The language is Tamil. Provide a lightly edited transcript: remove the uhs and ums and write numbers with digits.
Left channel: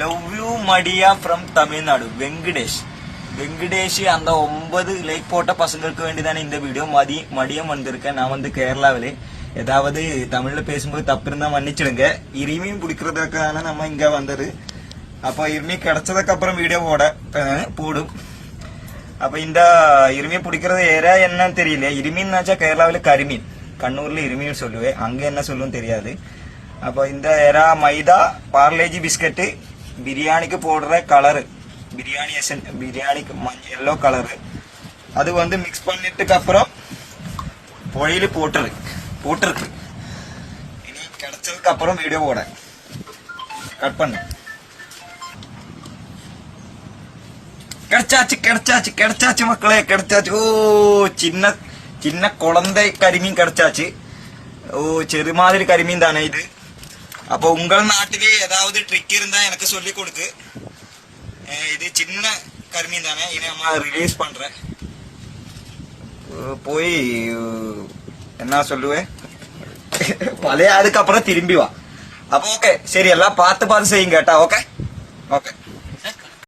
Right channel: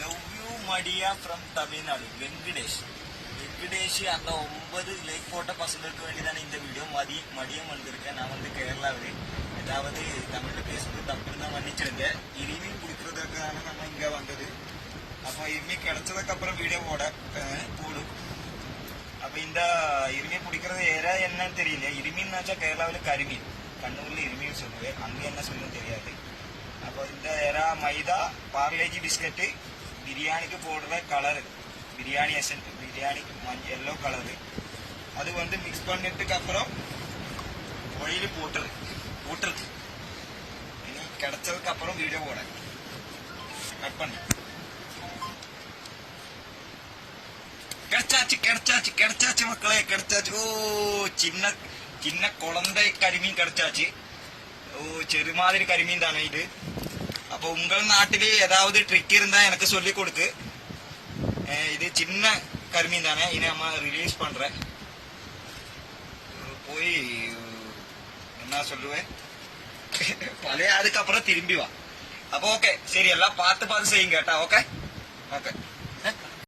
லவ் யூ மடியா ஃப்ரம் தமிழ்நாடு வெங்கடேஷ் அந்த 9 லைக் போட்ட பசங்களுக்கு வேண்டிதானே இந்த வீடியோ. மதியம் வந்திருக்கேன். நான் வந்து கேரளாவிலே. ஏதாவது தமிழ்ல பேசும்போது தப்பு இருந்தா மன்னிச்சிடுங்க. இருமையும் பிடிக்கிறதுக்கான நம்ம இங்க வந்தது. அப்போ இருமி கிடைச்சதுக்கு அப்புறம் வீடியோ போடும். அப்ப இந்த இருமையை பிடிக்கிறது ஏரா என்னன்னு தெரியல. இருமீன்னாச்சா கேரளாவில கரிமீன், கண்ணூர்ல இருமீன் சொல்லுவேன், அங்க என்ன சொல்லும் தெரியாது. அப்போ இந்த எறா மைதா பார்லேஜி பிஸ்கட்டு பிரியாணிக்கு போடுற கலரு, பிரியாணிக்கு எல்லோ கலரு, அது வந்து மிக்ஸ் பண்ணிட்டுக்கு அப்புறம் பொழியில போட்டுருக்கு. இனி கிடைச்சதுக்கு அப்புறம் வீடியோ போட கட் பண்ணு. கிடைச்சாச்சு மக்களே, கிடைச்சாச்சு. ஓ சின்ன குழந்தை கரிமீன் கிடைச்சாச்சு. ஓ ചെറു மாதிரி കരിമീൻ தானே இது. அப்போ உங்கள் நாட்டிலே ஏதாவது ட்ரிக் இருந்தா எனக்கு சொல்லி கொடுத்து. இது சின்ன கரிமீன் தானே, இதை நம்ம ரிலீஸ் பண்றேன். போய் என்ன சொல்லுவேன், பழைய அதுக்கு அப்புறம் திரும்பி வா. அப்போ ஓகே, சரி, எல்லாம் பார்த்து செய்யுங்க கேட்டா. ஓகே.